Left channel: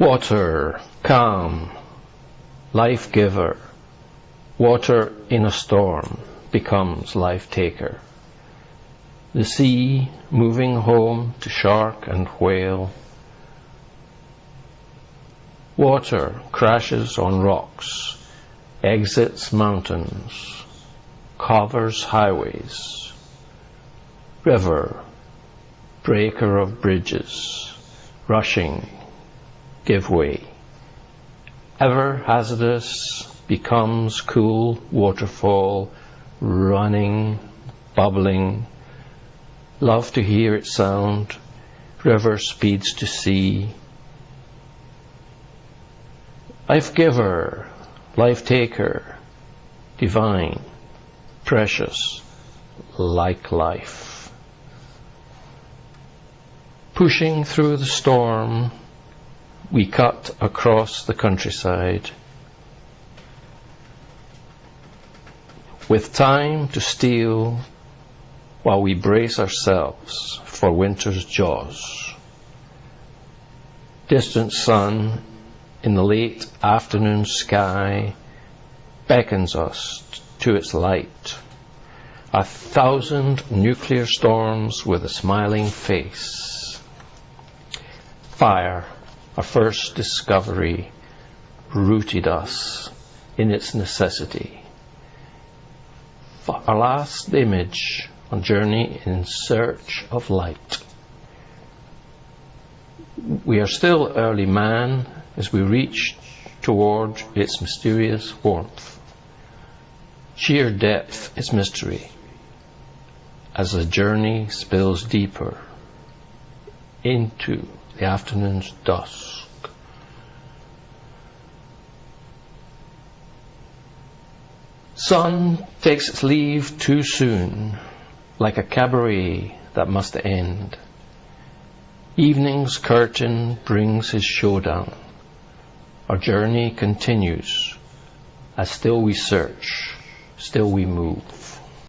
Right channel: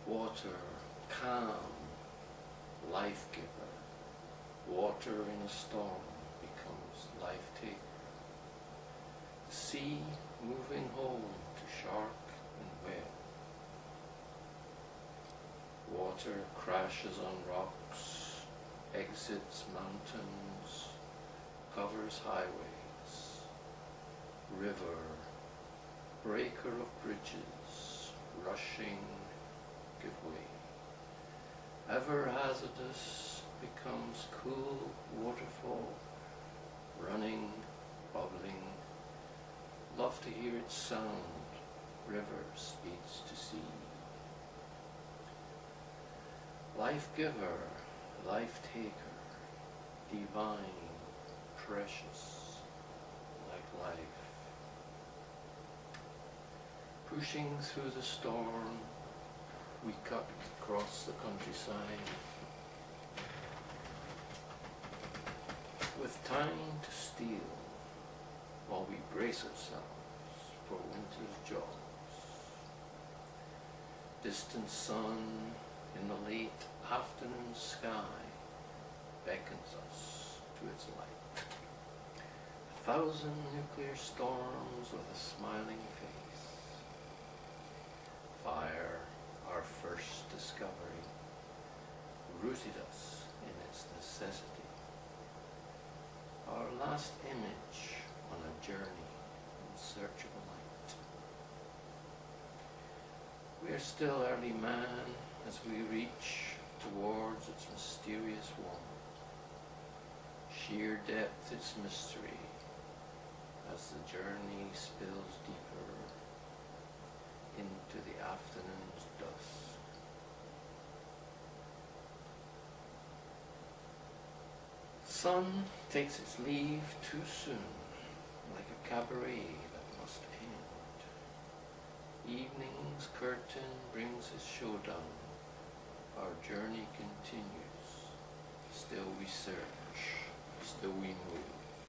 Water, calm, life giver. Water in a storm becomes life taker. The sea moving home to shark and whale. Water crashes on rocks, exits mountains, covers highways. River, breaker of bridges, rushing, give way. Ever hazardous becomes cool waterfall, running, bubbling. Love to hear its sound, river speeds to sea. Life giver, life taker, divine, precious, like life. Pushing through the storm, we cut across the countryside. With time to steal while we brace ourselves for winter's jaws. Distant sun in the late afternoon sky beckons us to its light. 1,000 nuclear storms with a smiling face. Fire, our first discovery, rooted us in its necessity. Our last image on journey in search of light. We are still early man as we reach toward its mysterious warmth. Sheer depth is mystery as the journey spills deeper into the afternoon's dusk. Sun takes its leave too soon, like a cabaret that must end. Evening's curtain brings his showdown. Our journey continues, as still we search, still we move.